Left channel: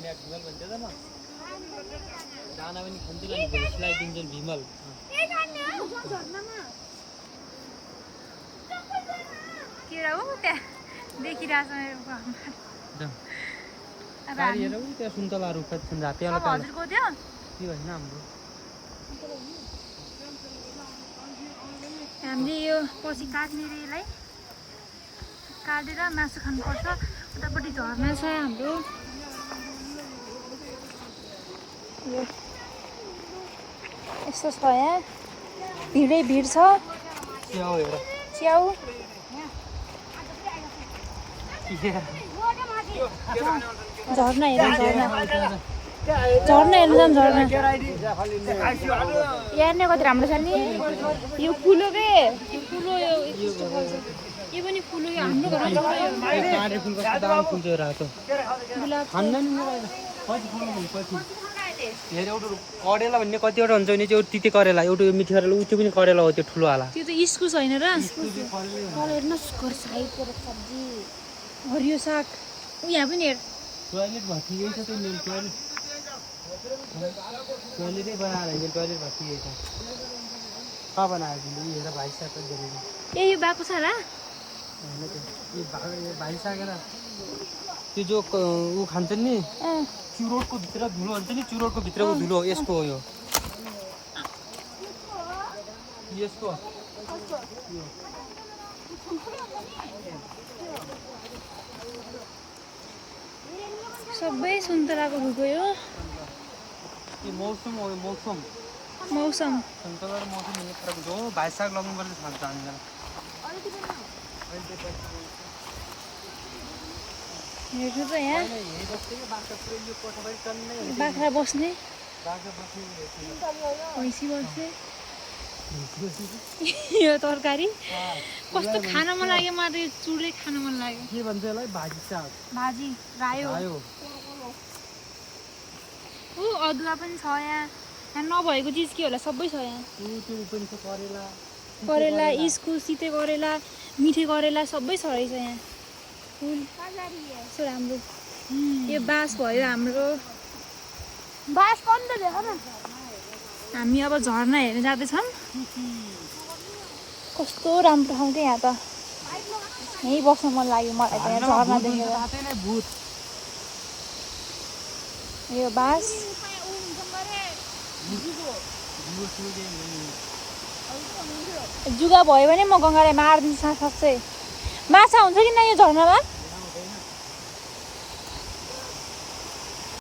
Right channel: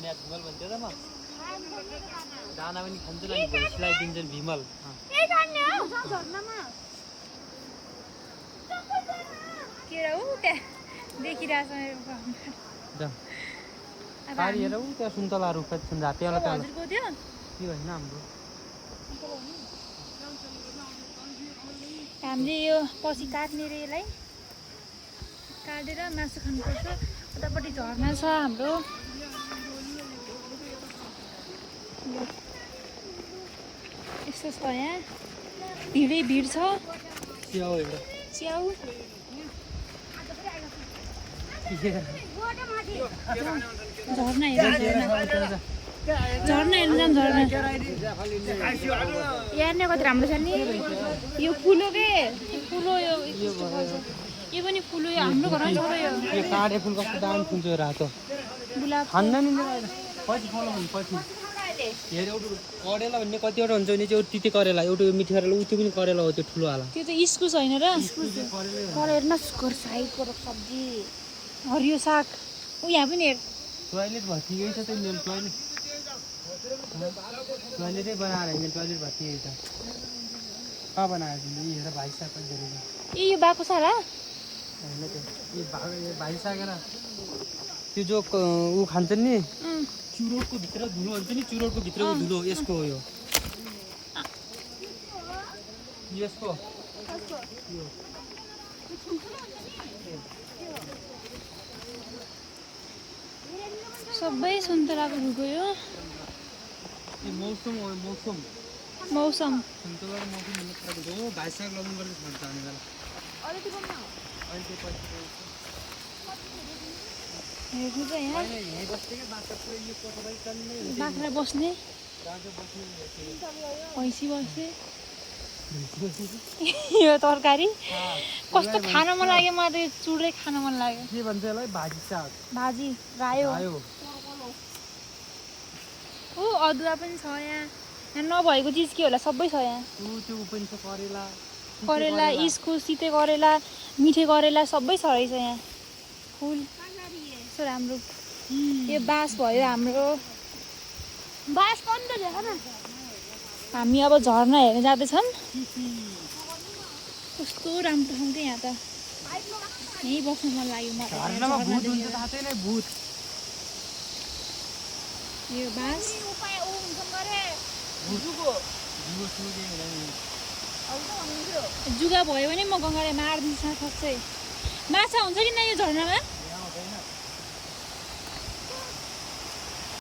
भिमल भन्छ त म दाना पनि खान्छ नि भोइसलाई दिन्छन् भिमल के र उ त्यहाँ देखिरहेछ गाडी हेर उ त्यहाँ सुन्तला रुख छन् झातेवाला अब हजुरको त्यो के होइन हाम्रो हामीले यो पछि काट्ने रे यसलाई काटेर मासु खानुपर्छ उतापट्टि झर्ना छ हाम्रो यस्तो छ यहाँ भिडै भिड छ च्याउ हेर च्याउ झर्ना हेर झर्ना झर्ना हेर्नु झर्ना यहाँ कति राम्रो छ नि यो फुलो के फुलो यो पनि फुलो यो हाम्रो घरमा छ काँडे फुल कस्तो दामी फुल्छ यो रातो गुलाब खान्न नि कति फुल्नु भने कति हेर एउटा करेला भन्ने कतिवटा हुन्छ भने चाहिँ तिते करेला एउटा मिठी करेला उ त्यो पनि करेला हो त्यो ठुलो वाला त्यो त इस्कुस होइन र करेला सुकर साइडको सब्जी हरियो साग उ यहाँ पनि हेर टोयलेट भर्ती यही छ त मेरो टोयलेट टोयलेटै बनाएर मेरो टोयलेट भर्ती यही छ कहाँ बनाएर दिनु हेर भाइ साग धेरै ए यो बाको सारा होइन त्यो यो भाइ सागेर त्यो जो ऊ खान्छन् नि चुरोटको भित्र धुलो हुन्छ नि चुरोटको भित्रको धुलो यसको हो यो यसको सबै सुन्तलाको रुखो यो मौसम हो मौसम मौसम सुन्तला र मौसम भन्ने फरक हुन्छ हो भाइ साग लगाउनु पर्ने खान्छ हामीलाई हेर्नु त यहाँ बाख्रा बस्ने भैँसी बस्ने यो तरकारी कस्तो खान मन लाग्यो मलाई त यो चुडै खान मन लाग्यो के भन्छ यसलाई भाजी साग भाजी रायो ऊ अदुवा पनि छ यहाँ नभएको चिज के होला सबै छ यहाँ त्यो पनि छ करेला करेला इस्कुस सिते करेला मिठे करेला सबै छ रहेछ यहाँ फुल यस्तो राम्रो यो बाँस भयो हाम्रो बाँस पनि त देख न हामी अब झर्ना हेर्न जाँदैछौँ कस्तो राम्रो ठाउँ क्या यहाँ त यहीँ बस्न मन लाग्यो मलाई झर्ना देखेर यो बाँस जुगा भयो भने म गङ्गालाई मारिदिन्छु सक्छ माछा हुन्छ कि न यो झर्नामा